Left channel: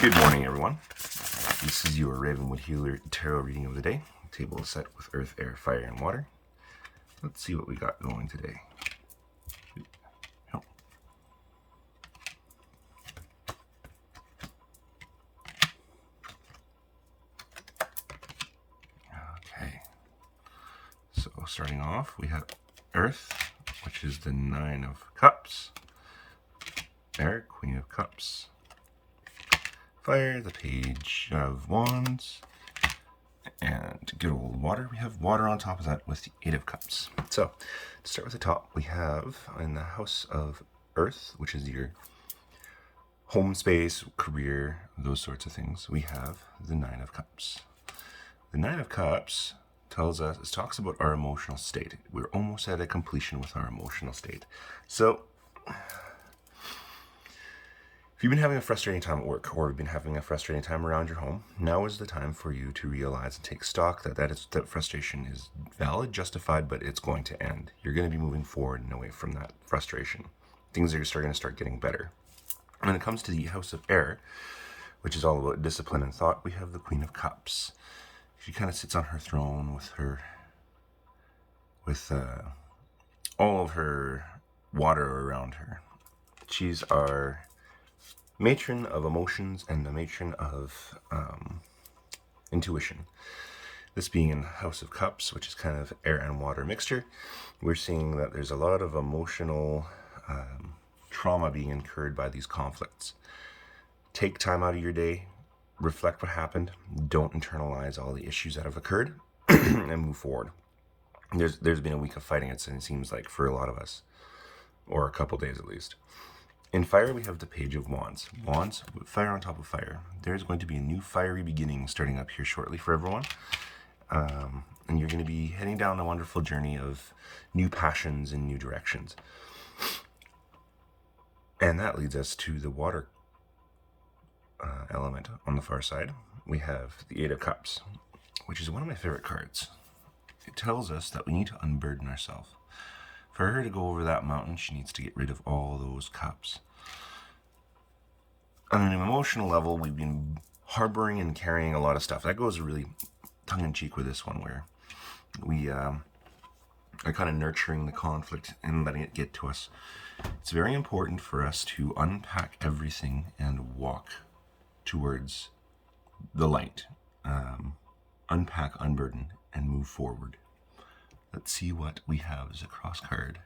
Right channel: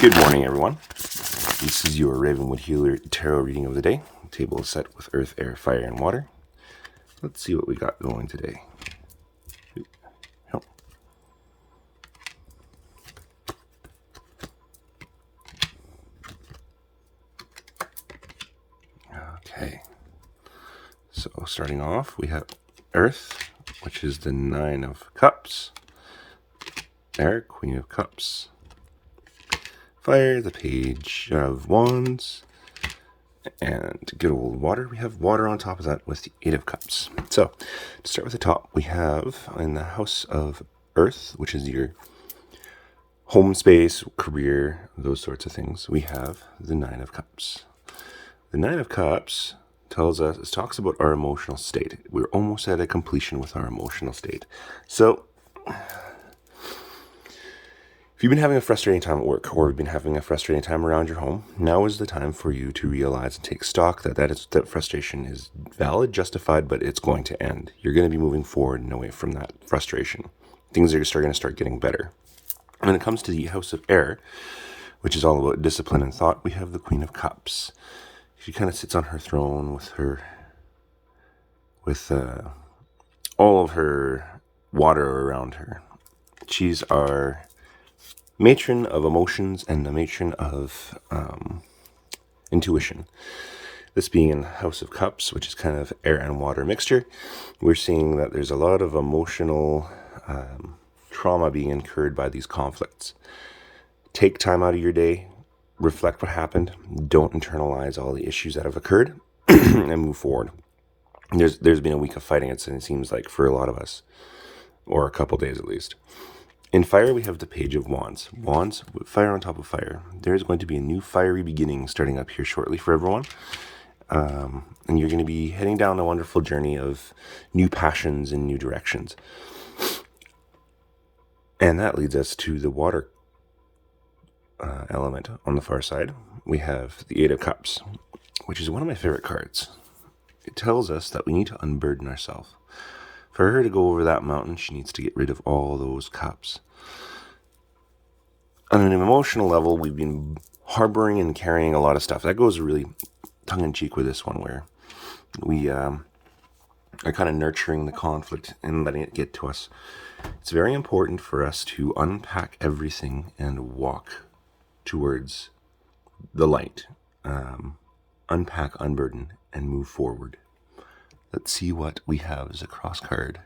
Good morning, everyone. This is your Ravenwood Healer Tarot reading of the day. The table is set with earth, air, fire, and water. Let's see what we got going today. Okay. So starting off, we have Earth, which is the Nine of Cups. Air, Queen of Cups. Fire, the Page of Wands. And good old water, we have water on top of that with the Eight of Cups. So, to start with the top, we have in the House of Earth, which is your home space, career, those sorts of things, we have the Nine of Cups. The Nine of Cups talks about our emotional state. We're almost at a completion with our emotional state. So, if you've been having a frustrating time at work, or you've been having a frustrating time around your home, now is the time for you to realize and take stock that frustration is valid, justified, but it's going to end. You're going to be moving forward and away from that frustration. Things are going to start getting better. When it comes to the House of Air, which is all about discipline and thought, we have the Queen of Cups. She kind of sits on her throne with all of her water around her. She's our matron of emotions and the matron of intuition. This being in House of Cups, which is kind of air and water mixture, we're seeing that there's a lot of emotional trauma being incurred by these conflicts. Take time out of your day, reflect what happened, don't internalize all the issues that have occurred, and move forward. There's been a week of fighting, it seems like, for a lot of us, or a couple days at least. In fire, we have the Page of Wands. Wands, with fire on top of fire. There's going to be a new fiery beginning starting up here shortly for everyone. And you're going to be heading down a wonderful journey of new passions and new directions. And that leads us to the water element on the far side. We have the Eight of Cups, which is one of my favorite cards. It tells us that we need to unburden ourselves. For her to go over that mountain, she needs to get rid of all those cups. On an emotional level, we've been harboring and carrying a lot of stuff. That goes really tongue-in-cheek with this one, where we are kind of nurturing the conflict and letting it get to us. It's very important for us to unpack everything and walk towards the light. Unpack, unburden, and move forward. Let's see what we have as a cross card.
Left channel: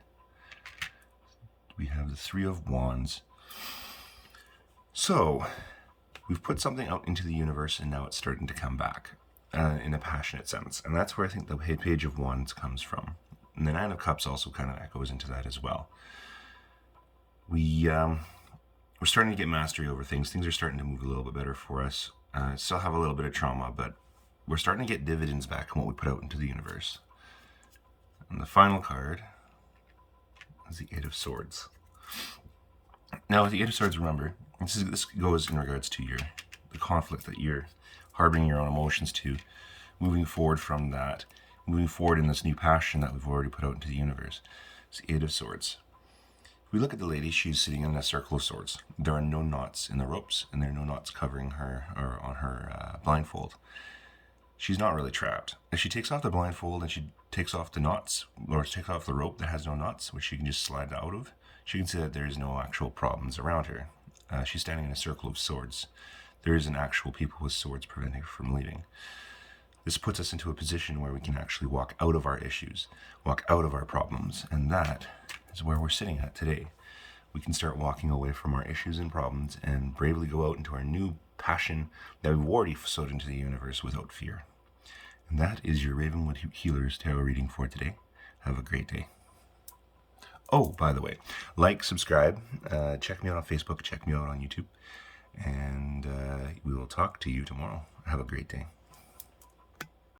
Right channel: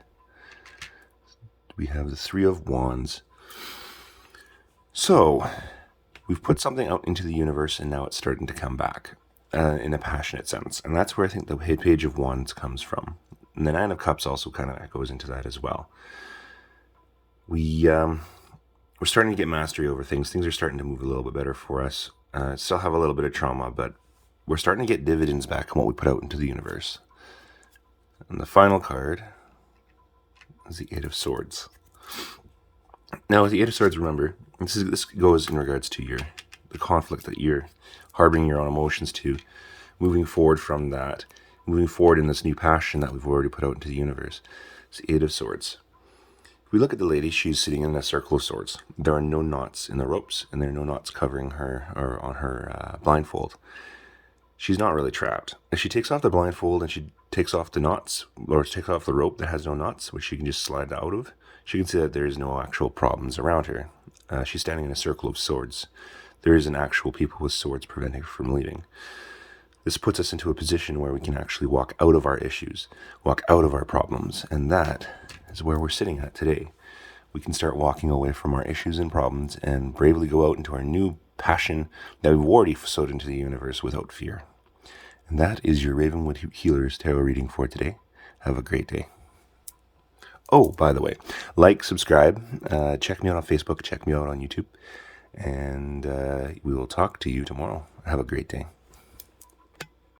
We have the Three of Wands. So, we've put something out into the universe and now it's starting to come back in a passionate sense. And that's where I think the Page of Wands comes from. And the Nine of Cups also kind of echoes into that as well. We're starting to get mastery over things. Things are starting to move a little bit better for us. Still have a little bit of trauma, but we're starting to get dividends back on what we put out into the universe. And the final card is the Eight of Swords. Now, with the Eight of Swords, remember, this goes in regards to the conflict that you're harboring your own emotions to, moving forward from that, moving forward in this new passion that we've already put out into the universe. It's the Eight of Swords. If we look at the lady, she's sitting in a circle of swords. There are no knots in the ropes, and there are no knots covering her or on her blindfold. She's not really trapped. If she takes off the blindfold and she takes off the knots, or takes off the rope that has no knots, which she can just slide out of, she can see that there is no actual problems around her. She's standing in a circle of swords. There isn't actual people with swords preventing her from leaving. This puts us into a position where we can actually walk out of our issues, walk out of our problems, and that is where we're sitting at today. We can start walking away from our issues and problems and bravely go out into our new passion that we've already sowed into the universe without fear. And that is your Ravenwood Healers Tarot reading for today. Have a great day. Oh, by the way, like, subscribe, check me out on Facebook, check me out on YouTube, and we will talk to you tomorrow. Have a great day.